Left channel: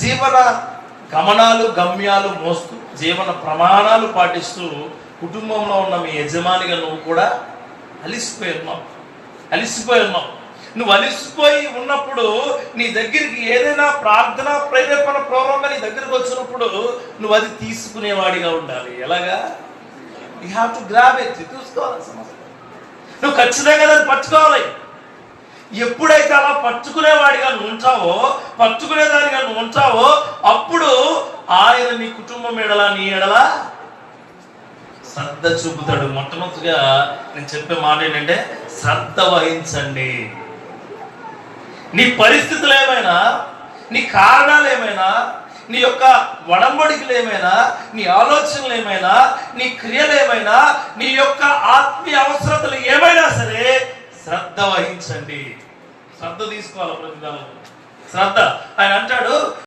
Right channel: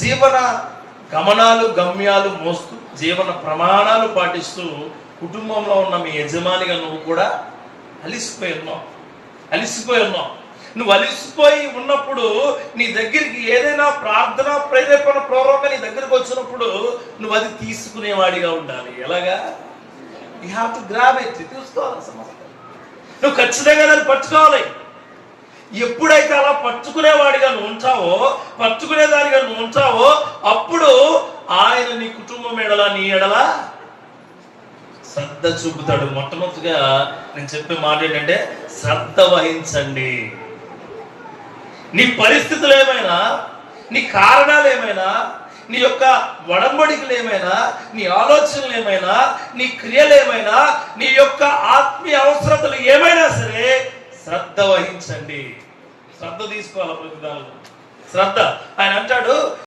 జీవన గమనాలు గమ్యాలు మోస్తూ జీవన ప్రమాణాలు పాటిస్తూ కుటుంబంలో ఉన్న మీ యజమానిగా నువ్వు కూడా అలిసిపోయి ఉన్నావు. నువ్వు అలిసిపోయి ఉన్నప్పుడు నీ దగ్గరికి ఏదైనా ప్రార్థన ప్రేరేపణ పూర్వకంగా నీ దగ్గరికి వచ్చినప్పుడు నువ్వు అది తీసుకునేవాడిగా ఉండాలి. ఎలాగా? You have to grab it. చూసుకోవాలి సమస్య, నువ్వు ఖచ్చితంగా దాన్ని పట్టుకోవాలి. ఎప్పుడైతే అలా పట్టుకునేవాడిగా నువ్వు ఉంటావో, పట్టుకునేదానిగా నువ్వు ఉంటావో, అప్పుడు ఆయన నీ కుటుంబం ఎడలా నీ ఎడలా శ్రద్ధ చూపుతాడు. మొట్టమొదటిగా నేను చెప్పే మాట ఏంటంటే శ్రద్ధ వహించండి. నీ పరిస్థితులు ఏమైనా, నీ కారణాలు ఏమైనా, నీ యొక్క వడంబడికలు ఏమైనా, నీ ఆలోచనలు ఏమైనా, నీ క్రియలు ఏమైనా, నీ యొక్క ఆత్మీయ అవసరతలు ఏమైనా సరే శ్రద్ధ వహించండి. శ్రద్ధ తీసుకోవాలి ప్రతిదానం. శ్రద్ధ ఆయన అంటాడు,